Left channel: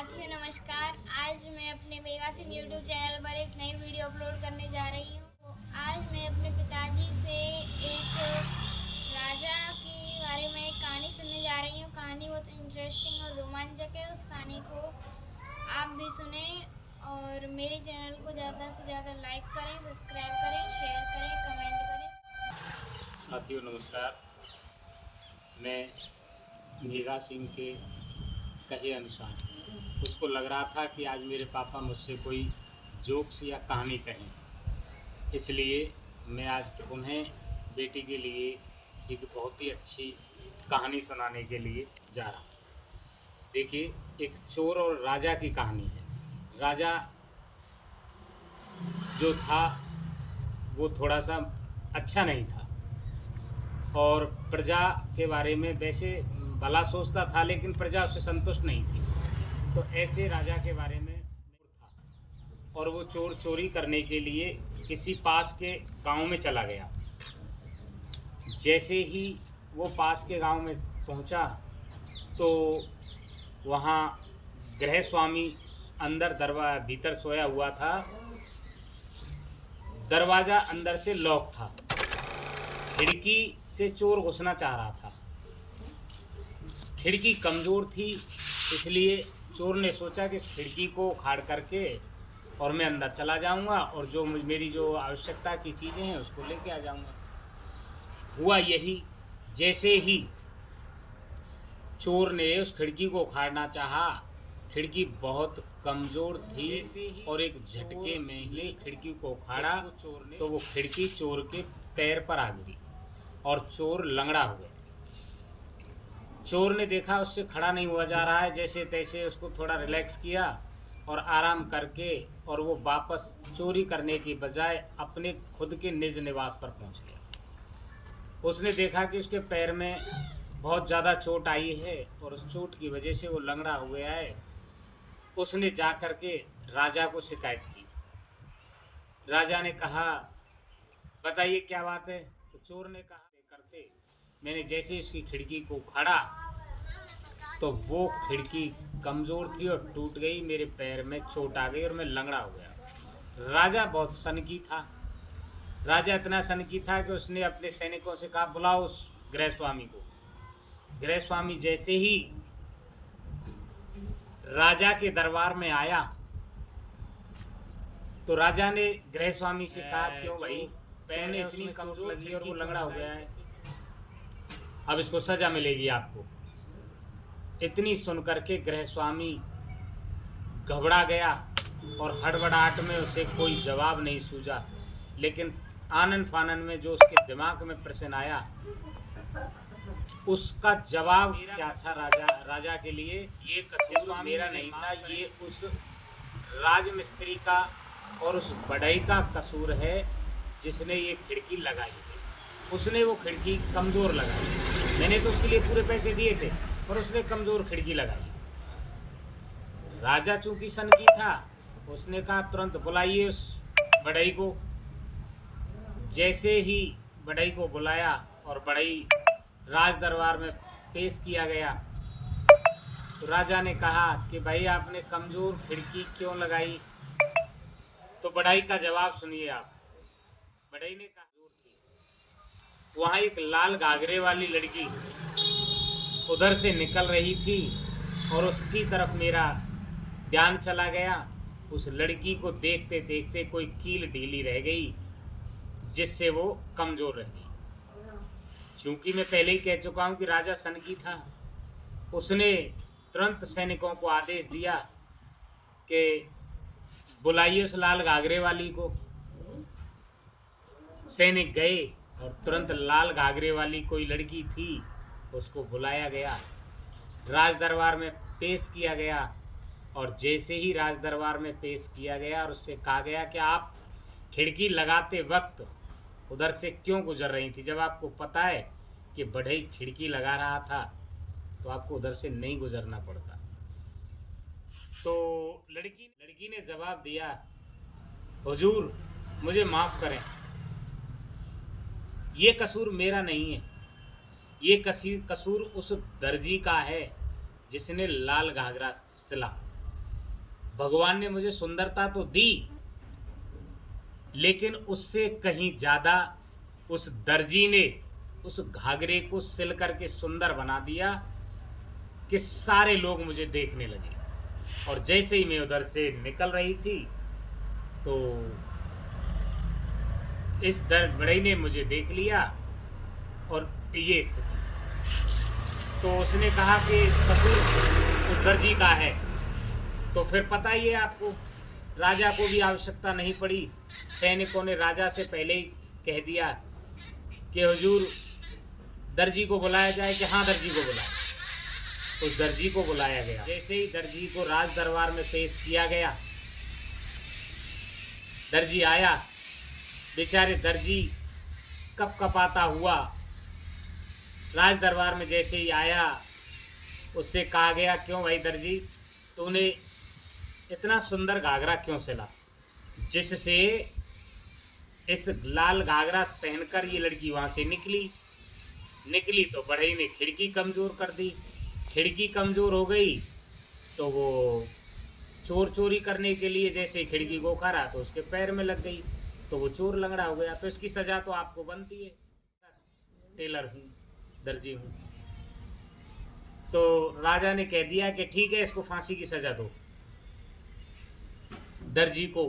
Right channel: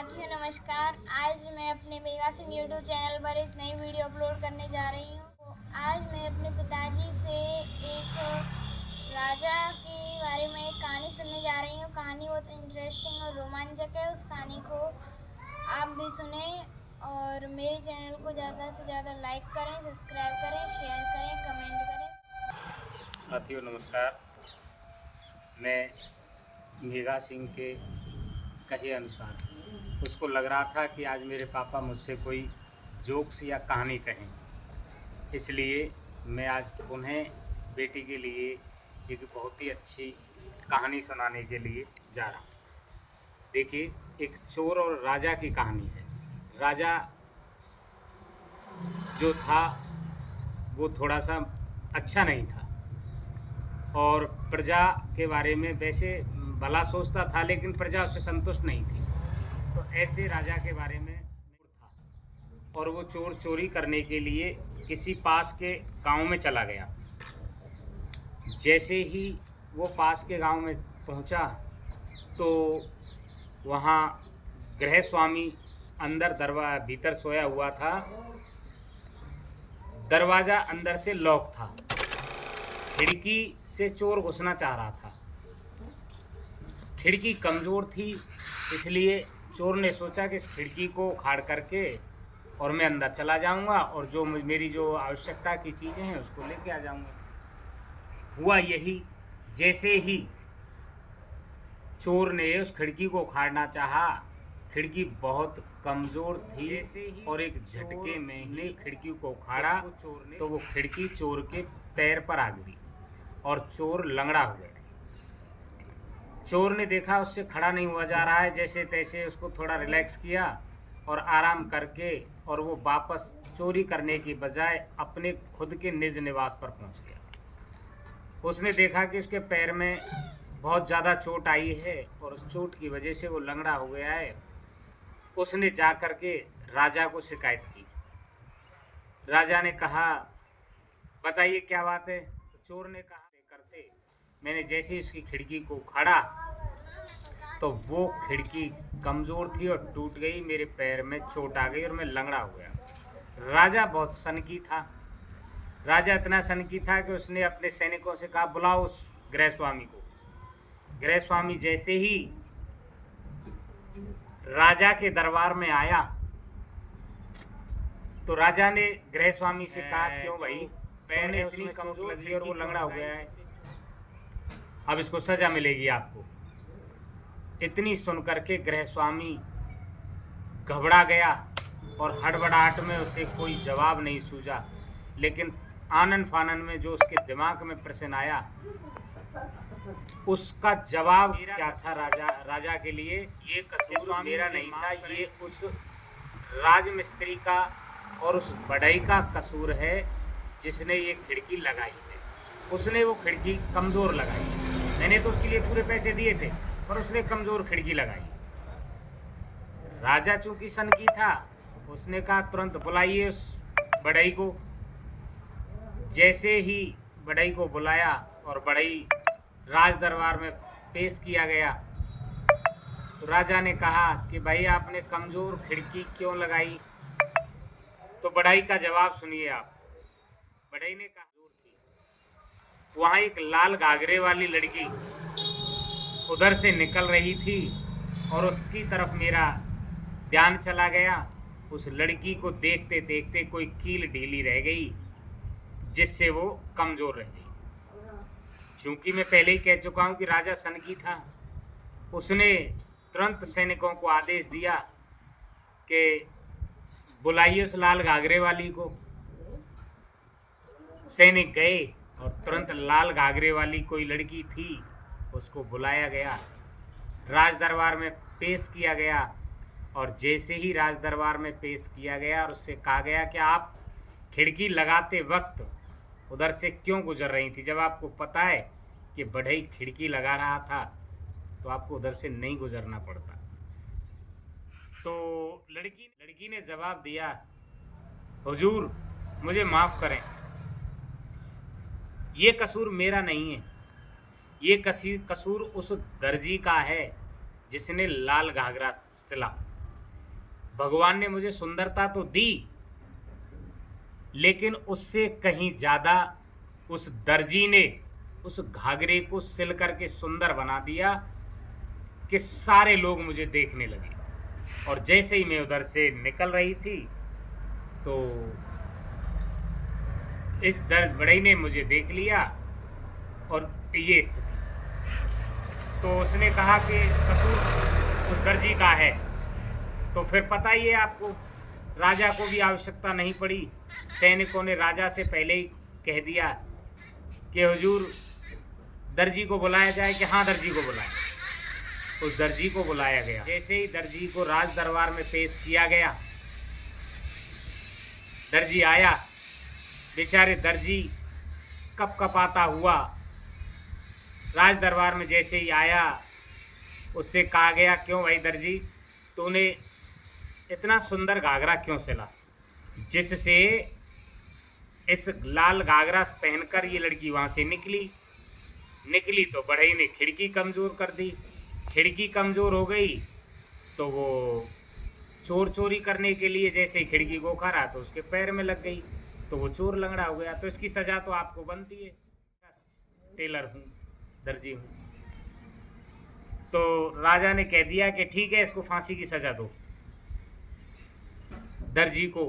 साथियों नमस्कार। आज मैं अपने मेगा सिंह यूट्यूब चैनल पर एक नई वीडियो अपलोड करने जा रही हूँ। तो आज मैं अपने पिताजी से एक राजा के बारे में एक कहानी सुनने जा रही हूँ। कहानी बहुत इंटरेस्टिंग और रोमांचक है। उस कहानी को आप भी सुने और मेरे चैनल को ज़्यादा से ज़्यादा लाइक करें, सब्सक्राइब करें, शेयर करें, कमेंट करें। साथियों नमस्कार। मैं मेगा सिंह के कहे अनुसार उसको लग रहा था कि आज मेरे पापा मुझसे कोई जोक्स या कहानी कहें, इसलिए मैं आज उन्हें बेटी के लिए एक बहुत ही अच्छी कहानी सुनाने के लिए जा रहा हूँ। देखिए, एक चोर और राजा की कहानी है। राजा जो था वो थोड़ा सा अच्छा नहीं था और प्रजा के बारे में वैसे भला सोचता था, लेकिन प्रजा उससे संतुष्ट नहीं थी। तो ऐसे राजा के बारे में था और वो चोर चोरी करने के लिए किसी पास के गांव में चला गया। जैसे ही वो पास के गांव में पहुंचा तो वहाँ गृह स्वामी अंदर भीतर सोया हुआ था। दरवाज़ा अंदर से लॉक था। खिड़की से चोर घुसना चाह रहा था। खिड़की कमज़ोर थी, इसलिए चोर ने सोचा कि इस खिड़की को उखाड़ करके और मैं अंदर चला जाऊंगा और जो मेरी जो आवश्यकता की चीज़ें हैं उसको लेके आ जाऊंगा। हुआ यही। जैसे ही चोर ने उस खिड़की को उखाड़ना चाहा, खिड़की बहुत कमज़ोर थी और एक झटके में ही खिड़की को उखाड़ा तो वो खिड़की चोर के पैर पर आ गिरी और चोर लंगड़ा हो गया। चोर ने देखा उससे खड़ा नहीं हुआ जा रहा है, जैसे तैसे उसको थोड़ा रिलैक्स किया और आराम करके और वो वापस चोरी करने की बजाय अपने खुद के निज निवास पर पहुंच गया। उसने देखा कि उसके पैर में बहुत ज़्यादा चोट आई है और उस चोट की वजह से वो लंगड़ा हो गया है। उसने जा कर के राजा को शिकायत की। राजा ने कहा, बताइए क्या बात है। तो चोर ने कहा, करते मैंने जैसे ही उसकी खिड़की को उखाड़ा तो वो खिड़की कमज़ोर थी और टूट गई। मेरे पैर में चोट आ गई और मैं लंगड़ा हो गया। राजा बहुत सनकी था। राजा इतना सनकी था कि उसने अपने सैनिकों से कहा, बुलाओ उस गृहस्वामी को। गृहस्वामी जैसे ही राजा के दरबार में आया तो राजा ने गृहस्वामी से कहा, क्यों भाई, पैर इतनी कमजोर लगी और वो लंगड़ा हो गया है, अब इसको सजा मिलेगी आपको। इतनी सुनकर के गृहस्वामी घबरा गया और हड़बड़ाहट में उसे कोई जवाब नहीं सूझा। लेकिन आनन फानन में जो उसके दिमाग में प्रश्न आया उसका जवाब क्या था राजा के लिए, ये कसूर मेरा नहीं था, ये उस राजमिस्त्री का और उस बढ़ई का कसूर है जिसने ये खिड़की लगाई है। उसने वो खिड़की कमज़ोर लगाई। मैंने तो उसके लिए पूरे पैसे दिए थे पर उसने कमज़ोर खिड़की लगाई। राजा चूंकि सनकी था, उसने कहा तुरंत बुलाइए उस बढ़ई को। जैसे ही बढ़ई को बुलाया और बढ़ई राज दरबार में पेश किया गया तो राजा ने कहा कि भाई आपने कमज़ोर खिड़की क्यों लगाई। तो बढ़ई का जवाब सुनिए आप। बढ़ई ने कहा, जोर थी, वहाँ एक लाल घाघरे वाली लड़की उधर से निकल रही थी और उसकी तरफ मेरा ध्यान चला गया। उस लड़की को देखते देखते कोई कील ढीली रह गई जिससे वो कमज़ोर रह गई। चूँकि मैं पहले ही कह चुका हूँ कि राजा सनकी था, उसने तुरंत सैनिकों को आदेश दिया कि बुलाइए उस लाल घाघरे वाली को। सैनिक गए और तुरंत लाल घाघरे वाली कोई लड़की थी उसको बुलाया गया, राज दरबार में पेश किया गया। और जैसे ही राज दरबार में पेश किया गया और उससे कहा गया कि आप खिड़की लगाते वक्त उधर से क्यों गुजर रही थी, जब आपको पता है कि बढ़ई खिड़की लगा रहा था तो आपको उधर से नहीं गुजरना पड़ता। तो लड़की ने जवाब दिया, हुजूर मुझे माफ़ करें, ये कसूर मेरा नहीं है, ये कसूर उस दर्जी का है जिसने लाल घाघरा सिला। भगवान ने मुझे सुंदरता तो दी, लेकिन उससे कहीं ज़्यादा उस दर्जी ने उस घाघरे को सिल करके सुंदर बना दिया कि सारे लोग मुझे देखने लगे। और जैसे ही मैं उधर से निकल रही थी तो इस बढ़ई ने मुझे देख लिया और ये स्थिति। तो उसने कहा कि कसूर उस दर्जी का है। तो फिर पता ही है आपको, राजा को भी आवश्यकता नहीं पड़ी, सैनिकों ने राजा से पहले ही कह दिया कि हुजूर दर्जी को बुलाया जाए, कि हाँ दर्जी को बुलाया। उस दर्जी को बुलाया गया। जैसे ही दर्जी को राज दरबार में पेश किया गया, दर्जी आया, बेचारे दर्जी कपकपाता हुआ राज दरबार में जैसे ही आया, उससे कहा गया, क्यों भाई दर्जी, तूने इतना सुंदर घाघरा क्यों सिला, जिससे इस लाल घाघरा पहनकर ये लड़की वहाँ से निकली तो बढ़ई ने खिड़की कमज़ोर कर दी। खिड़की कमज़ोर हो गई तो वो चोर चोरी करने के लिए जैसे ही खिड़की को उखाड़ा तो उसके पैर में लग गई, तो वो चोर लंगड़ा हो गया। तो इसकी सज़ा तो आपको बनती है। टेलर हूँ, दर्जी हूँ। तो राजा ने कह दिया कि ठीक है, इसको फांसी की सज़ा दो। दर्जी को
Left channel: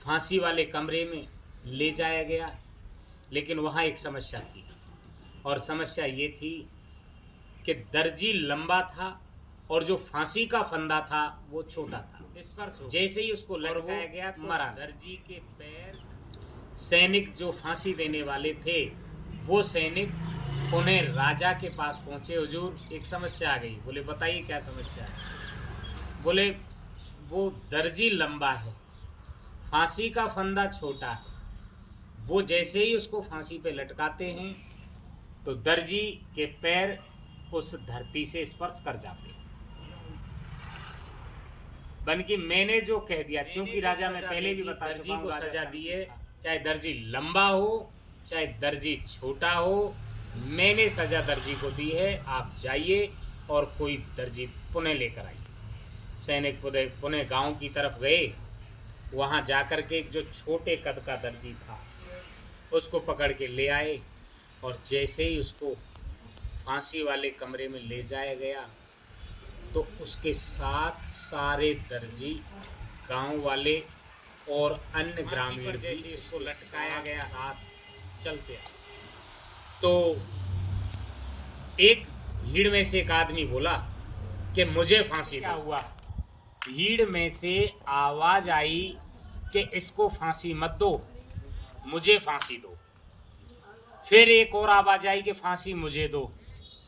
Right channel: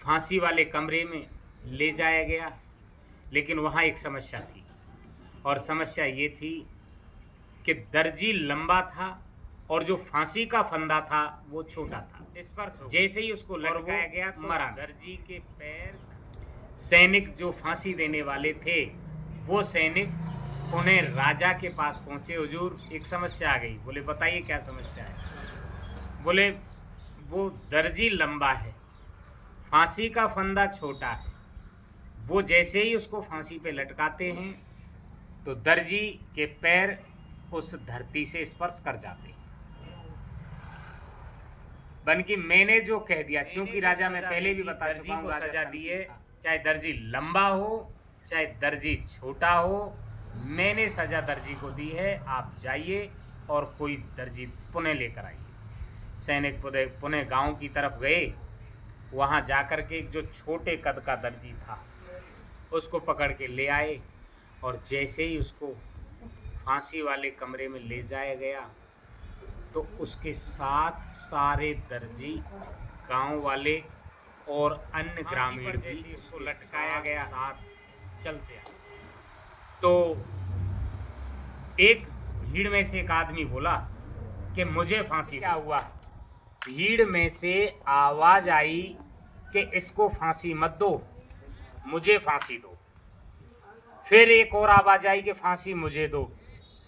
फांसी वाले कमरे में ले जाया गया, लेकिन वहाँ एक समस्या थी, और समस्या ये थी कि दर्जी लंबा था और जो फांसी का फंदा था वो छोटा था। इस पर जैसे ही उसको लटकाया गया तो मरा। दर्जी के पैर, सैनिक जो फांसी देने वाले थे वो सैनिक उन्हें राजा के पास पहुँचे, हुजूर एक समस्या आ गई। बोले बताइए क्या समस्या है। बोले वो दर्जी लंबा है, फांसी का फंदा छोटा है, वो जैसे ही उसको फांसी पे लटकाते हैं तो दर्जी के पैर उस धरती से स्पर्श कर जाते हैं। बल्कि मैंने जो कह दिया, क्योंकि राजा मैं पहले भी बता चुका हूँ, राजा दिए चाहे दर्जी लंबा हो चाहे दर्जी छोटा हो, मैंने सजा दर्जी को दी है। आप जाइए और कोई दर्जी पुणे लेकर आइए। सैनिक पुणे गांव की तरफ गए। वहां जाकर के एक जो छोटे कद का दर्जी था उसको पकड़ के ले आए, और जैसे ही उसको फांसी वाले कमरे में ले जाया गया तो उसके साथ सारे दर्जी, गांव वाले और अन्य ग्रामीण भी उसको लटकाया गया, साथ चलते आए। तो एक भीड़ में से एक आदमी बोला कि मुझे फांसी। क्या हुआ? भीड़ में से आवाज आई कि इसको फांसी मत दो, मुझे फांसी दो। फिर एक और आवाज आई कि फांसी मुझे दो।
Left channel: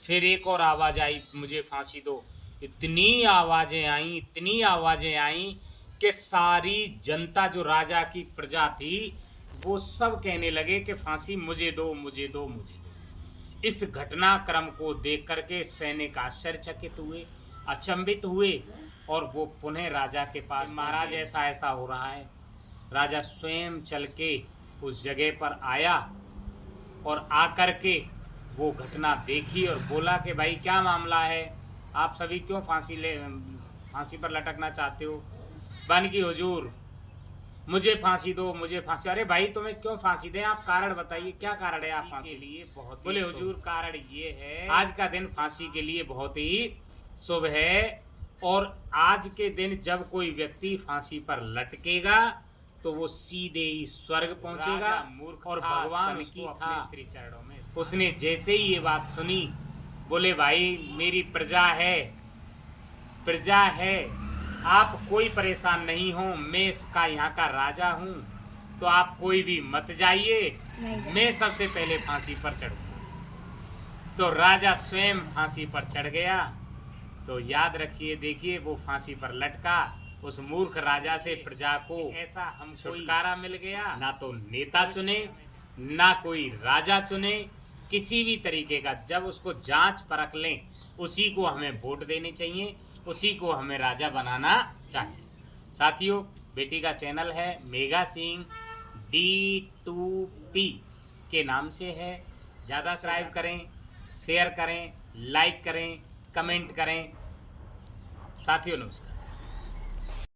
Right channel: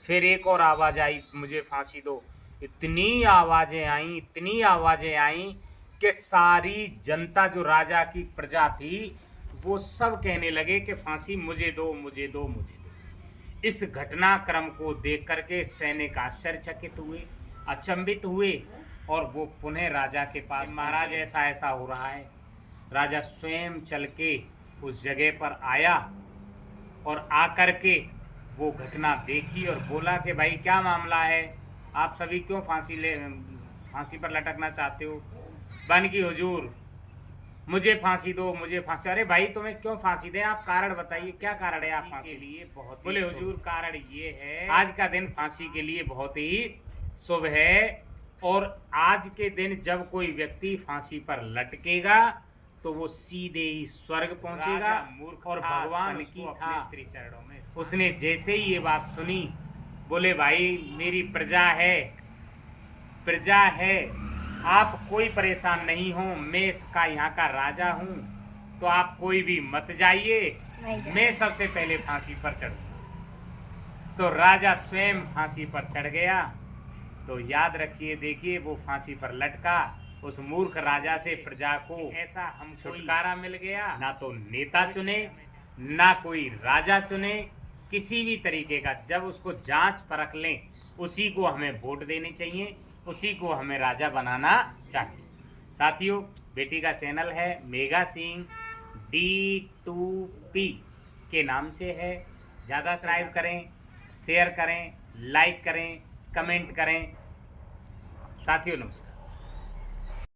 फिर एक और आवाज आई, मुझे फांसी दो। इतनी आवाजें आईं कि सारी जनता, जो राजा की प्रजा थी, वो सब कहने लगे कि फांसी मुझे दो, मुझे दो, मुझे दो। इस घटनाक्रम को देख करके सैनिक आश्चर्यचकित हुए, अचंभित हुए, और वो पुनः राजा के पास, महाराज ऐसा ऐसा हो रहा है। राजा स्वयं चल के उस जगह पर आया और आकर के वो घटना देखी और बोला कि भाई क्या मामला है, आप सभी क्यों फांसी पर लटकना चाहते हो। बन की हुजूर मुझे फांसी दो, मुझे फांसी। अरे भाई तुम्हें क्यों फांसी दें, आप कारण बताइए, क्या कारण है आप फांसी के लिए? बहुत बोले हुजूर कारण ये है, आज का दिन फांसी के लिए बहुत ही शुभ है, और आज के दिन जब कोई व्यक्ति फांसी पर लटकेगा तो वो सीधे ही स्वर्ग पहुंचेगा, और भगवान उसको अपने श्री चरणों में। उसने जैसे ही ये बात सुनी, बोले भाई मेरी प्रजा है, आप कोई परेशान नहीं हो, मैं इसका यहाँ का राजा हूँ, तो आप कोई भी मत जाइए, मैं सबसे पहले फांसी पर चढ़ूंगा। तो राजा स्वयं फांसी पर चढ़ गया। तो याद रखिए, देखिए वो फांसी पर लटका, उस मूर्ख राजा से प्रजा को ऐसा हम छुटकारा मिल गया। ना तो नेता चुने, ना कोई राजा चुने, किसी भी तरीके का। जब उसको जांच परख लें, उसी को हमें वोट देने चाहिए, उसी को हमें राजा बनाना चाहिए। साथियों, बेटी का चैनल है मेघा सिंह D2P के नाम से है। ज़्यादा सब्सक्राइब करें, शेयर करें, लाइक करें, कमेंट करें। साथियों नमस्कार।